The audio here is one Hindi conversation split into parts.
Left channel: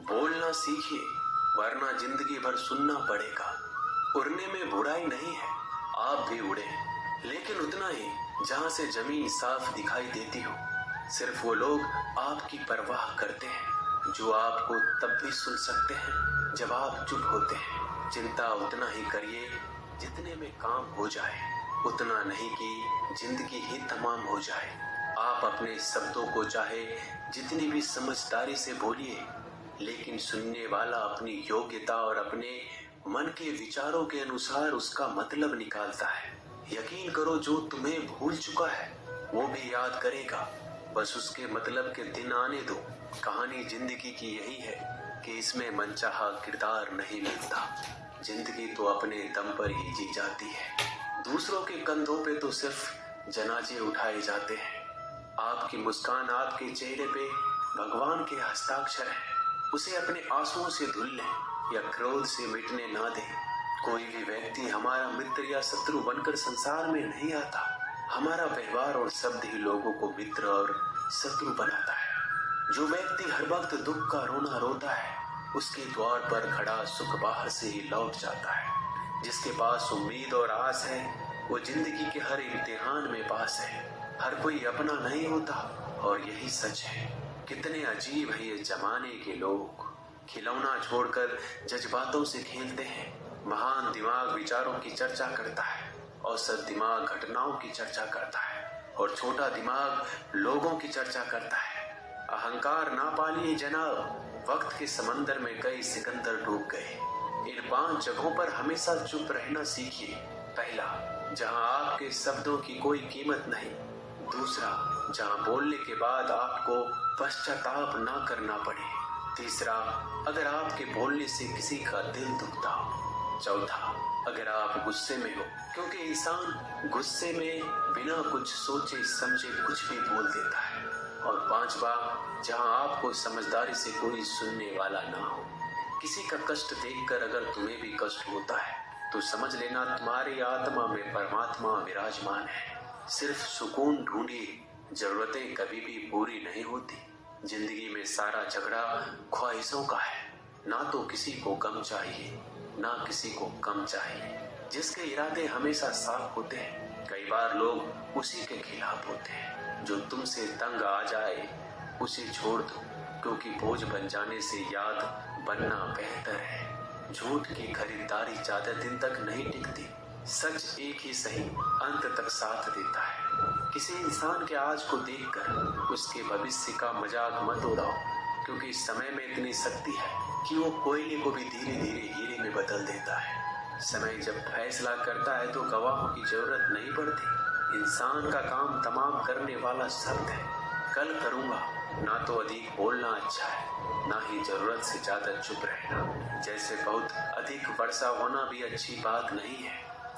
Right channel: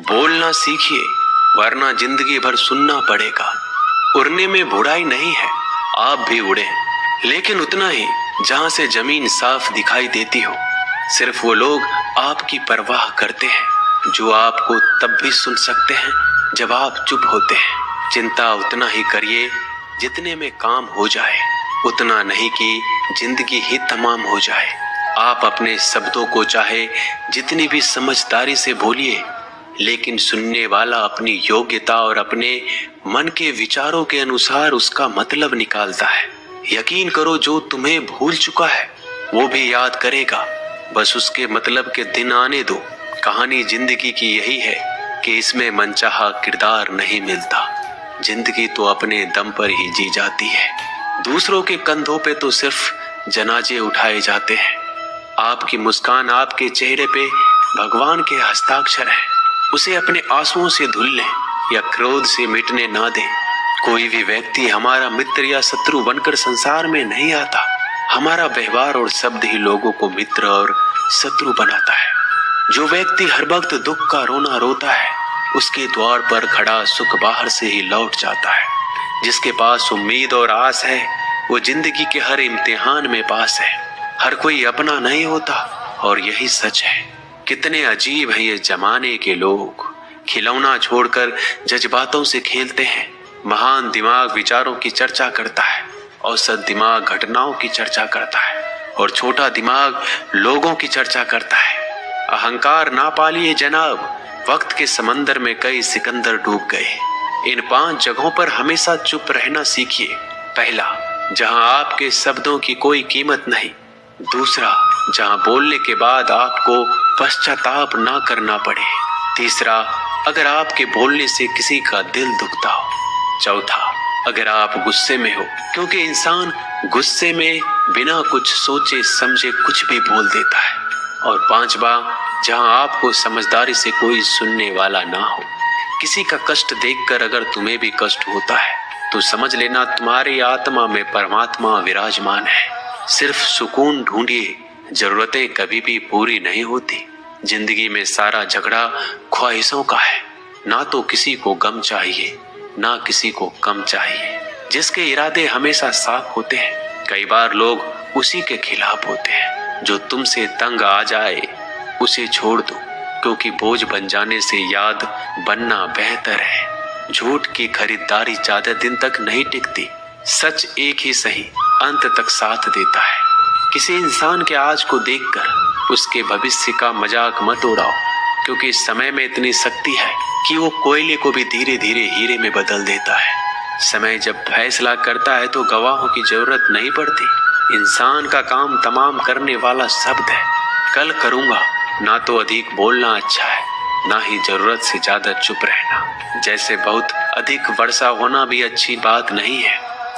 बोलना सीखिए, वरना जिंदगी भर सुनना पड़ेगा। उड़ने में बुराई नहीं है, आप भी उड़े, लेकिन उतना ही जहां से जमीन साफ दिखाई देती हो। सिर्फ वो लोग आपकी परवाह करते हैं जो आपको तब भी सुन सकते हैं जब आप चुप होते हैं। चिंता उतना ही करिए जितने में काम हो जाए, उतना नहीं कि जिंदगी ही तमाम हो जाए। आप अपने शब्दों को चाहे जितनी भी समझदारी से बोलिए, लेकिन सुनने वाला अपनी योग्यता और अपने मन के विचारों के अनुसार उसका मतलब निकालता है। यकीन करो, जो तुम्हें भूल चुका है वो भी याद करेगा, बस उसके मतलब के दिन आने दो। कहानी जिंदगी की यही है कि इसमें मनचाहा किरदार नहीं मिलता। जिंदगी तो अपने दम पर ही जी जाती है। दूसरों के कंधों पे तो सिर्फ जनाजे उठाए जाते हैं। आपकी मुस्कान, आपके चेहरे पे भगवान के हस्ताक्षर है। उसे अपने आंसुओं से धुल लें या क्रोध से मिटने ना दें। कोई भी व्यक्ति हमारा मित्र या शत्रु बनकर संसार में नहीं आता। हमारा व्यवहार और शब्द ही लोगों को मित्र और शत्रु बनाता है। जो व्यक्ति हर वक्त दुख का रोना रोता है, उसके द्वार पर खड़ा सुख बाहर से ही लौट जाता है। जिसके पास उम्मीद और आस है, वो जिंदगी के हर इम्तिहान में पास है। हर कोई अपना नहीं होता, और यही सच है। कितने अजीब हैं ये जमाने के लोग। खिलौना छोड़कर जज्बातों से खेलते हैं। महान दिमाग विचारों की चर्चा करता है, औसत दिमाग घटनाओं की चर्चा करता है, और छोटा दिमाग लोगों की चर्चा करता है। अहंकार ना पालिए जनाब, वक्त के समंदर में कई सिकंदर डूब गए। इन 5 जगहों पर हमेशा चुप रहना सीखिए। पहला, जहां आपके शब्दों की कोई कीमत नहीं। दूसरा, जहां बोलने के बाद आपको पश्चाताप ना करना पड़े। तीसरा, अगर आपके बोलने से किसी का दिल दुखता हो। चौथा, अगर आप गुस्से में हो, क्योंकि इंसान गुस्से में बिना कुछ सोचे समझे कुछ भी बोल देता है। और पांचवा, जहां आपको समझदारी से कोई सुनने वाला ना हो। किसी का कष्ट देखकर अगर तुम्हें भी कष्ट होता है तो समझ लेना तुम्हारी आत्मा में परमात्मा विराजमान है। सिर्फ सुकून ढूंढिए, जरूरतें कभी भी पूरी नहीं होती। जिंदगी में सारा झगड़ा ख्वाहिशों का है। ना तो किसी को गम चाहिए, ना किसी को कम चाहिए। जिसके इरादे हमेशा साफ होते हैं, कई बार लोग उसी के खिलाफ होते हैं। जो तुमसे तंग आ जाए उसे छोड़ दो, क्योंकि बोझ बन जाने से याद बनना बेहतर है। झूठ की खरीदारी ज्यादा दिन तक नहीं टिकती। सच एक ही सही अंत तक साथ देता है। किसी इंसान के आज को देखकर उसके भविष्य का मजाक मत उड़ाओ, क्योंकि समय में इतनी शक्ति है कि वो कोयले को भी धीरे धीरे हीरे में बदल देता है। समय जब फैसला करता है तो गवाहों की जरूरत नहीं पड़ती। इंसान का काम तमाम करने वाला शब्द है। कल करूंगा, ना तो अधिक बोलना अच्छा है, ना ही जरूरत से ज्यादा चुप रहना। जैसे बहुत अधिक वर्षा होना भी अच्छी बात नहीं है,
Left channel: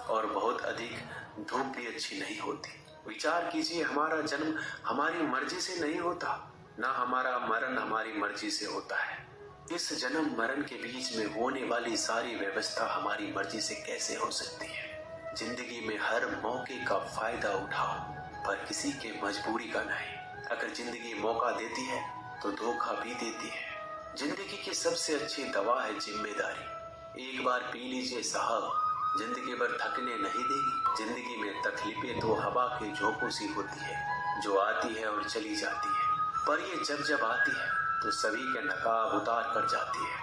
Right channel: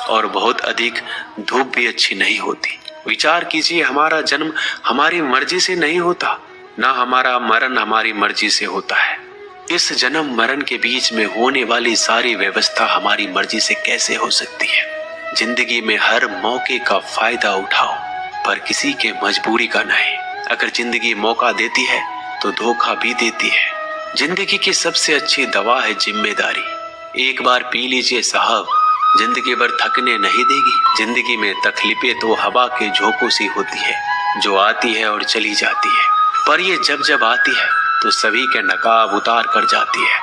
और बहुत अधिक धूप भी अच्छी नहीं होती। विचार कीजिए, हमारा जन्म हमारी मर्जी से नहीं होता, ना हमारा मरण हमारी मर्जी से होता है। इस जन्म मरण के बीच में होने वाली सारी व्यवस्था हमारी मर्जी से कैसे हो सकती है। जिंदगी में हर मौके का फायदा उठाओ, पर किसी के मजबूरी का नहीं। अगर जिंदगी मौका देती है तो धोखा भी देती है। जिंदगी की सबसे अच्छी दवा है जिम्मेदारी। एक बार पी लीजिए साहब, जिंदगी भर थकने नहीं देगी। जिंदगी में तकलीफें तो हवा के झोंकों सी होती है, जो आती है और चली जाती है, पर ये जब जब आती है तो सभी के नकाब उतार कर जाती है।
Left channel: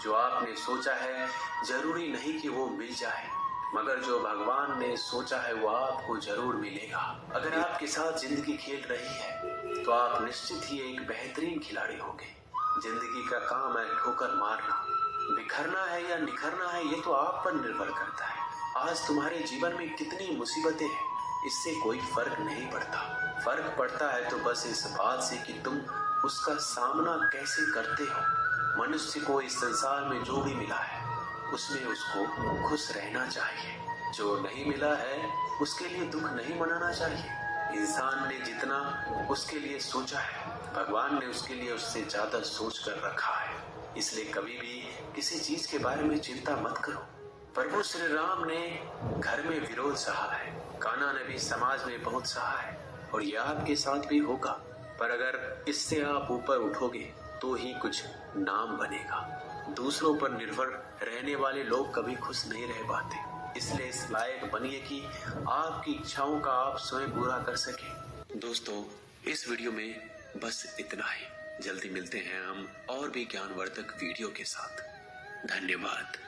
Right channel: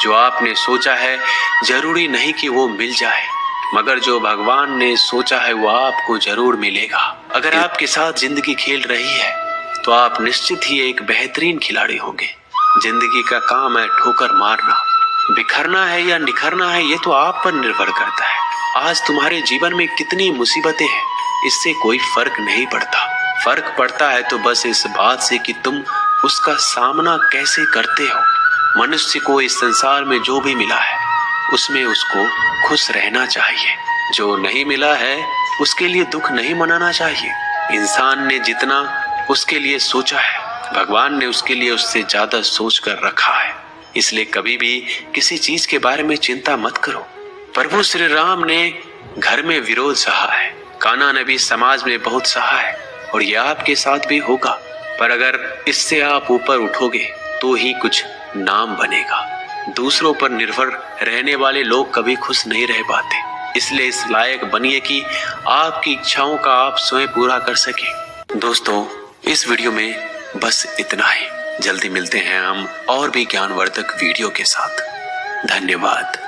जो आपने सोचा है जरूरी नहीं कि वो मिल जाए, मगर जो भगवान ने सोचा है वो आपको जरूर मिलेगा। अगर आपके साथ जिंदगी खेल रही है तो आप निश्चित ही एक बेहतरीन खिलाड़ी होंगे। जिंदगी का काम है ठोकर मारना। बिखरना है या निखरना है, ये तो आप पर निर्भर करता है। आज तुम्हारे जीवन में कितनी मुसीबतें हैं, इससे कोई फर्क नहीं पड़ता। फर्क पड़ता है तो बस इस बात से कि तुम उसका सामना कैसे करते हो। मनुष्य को इस संसार में जो भी मिला है उसमें उसको खुश रहना चाहिए। जो नहीं मिला है उसके लिए दुख नहीं मनाना चाहिए। इंसान ने जितना उसके लिए सोचा है, भगवान ने उसके लिए उससे ज्यादा सोच कर रखा है। इसलिए कभी भी किसी चीज के बारे में चिंता मत करो। प्रभु श्री राम ने घर में विरोध सहा है, कान्हा ने भी समाज में बहुत सहा है, और यह आपके साथ भी होगा। पर अगर इससे आप ऊपर उठोगे तो ही कुछ नाम बनेगा। दूसरों पर निर्भर रहने वाले लोग कभी खुश नहीं रह पाते। इसलिए इस लायक बनिए कि आपकी इच्छाओं का आप स्वयं पूरा कर सके। दोस्तों, इस वीडियो में बस इतना ही। जल्दी मिलते हैं हम और भी ज्ञानवर्धक वीडियो के साथ। धन्यवाद।